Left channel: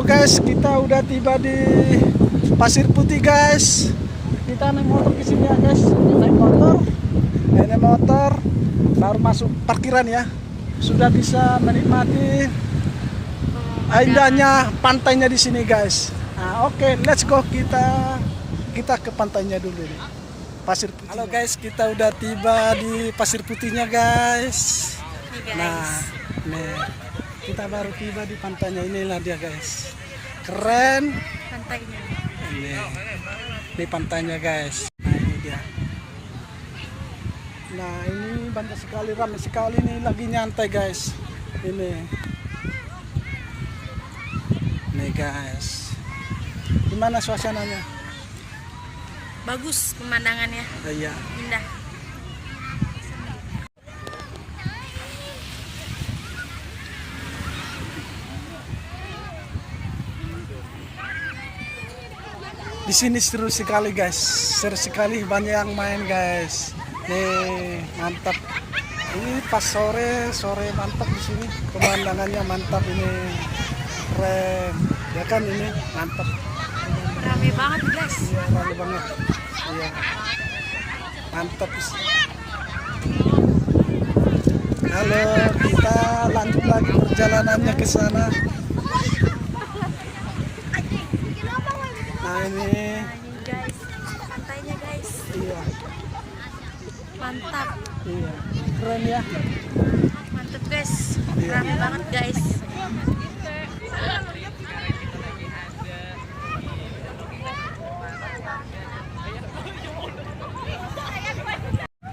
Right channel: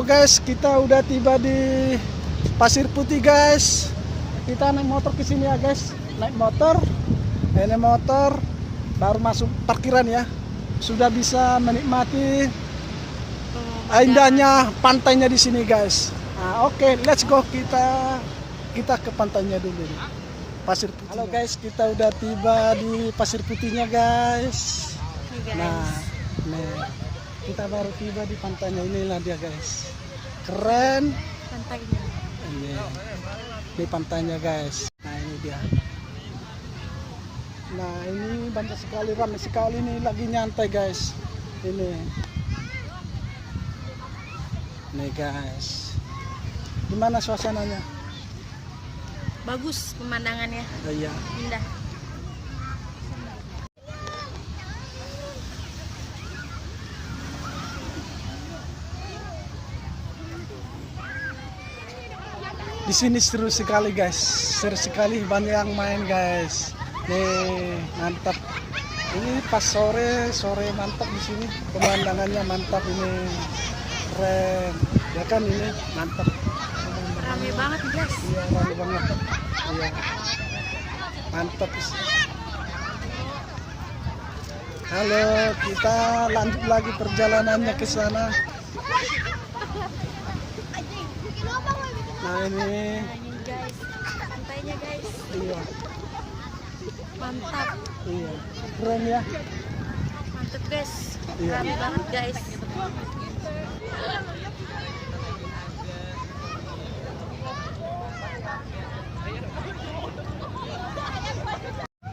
Halo guys, kita udah tiba di Pasir Putih guys. Kita naik motor ke sini ya guys. Naik motor. Ini motor baru masuk parkiran ya. Sudah bisa menikmati indahnya pantainya di sini guys. Nah, oke, let's go kita ke pantainya dulu nih. Pasir Putih. Halo guys, kita udah tiba di Pasir Putihnya guys. Nah, nih kita baru tiba di pantainya, inilah dia guys. Keren Pantainya. ini pantainya guys. Nah ini dia. Nah ini banyak sekali, ramai sekali nih, lagi nyantai guys. Ini guys. Gimana suasananya? Bagus pemandangannya. Iya. Indah. Di sini seru sekali guys, seru sekali, banyak yang main guys. Nih mantap. Ini pas sore mantap di sini, pemandangannya mantap ini, keren. Ya kan ini mantap. Ramai banget guys. Iya ramai banget. Iya mantap. Halo, kita lanjut lagi perjalanannya ke sana. Nah ini guys, pantainya guys. iya. Mantap. Iya, keren ya. Mantap guys. Iya. Ramai banget guys.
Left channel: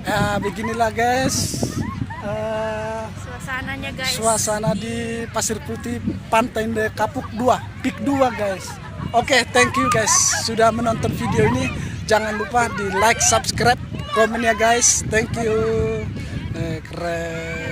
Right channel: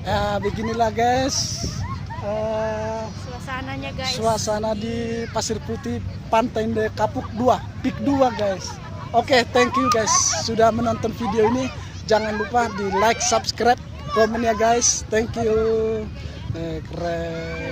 Ya beginilah guys. Suasananya guys. Suasana di Pasir Putih, Pantai de Kapuk 2, Pik 2 guys. Oke, thank you guys sudah menonton video ini. Jangan lupa di like, subscribe, komen ya guys. Thank you. Keren.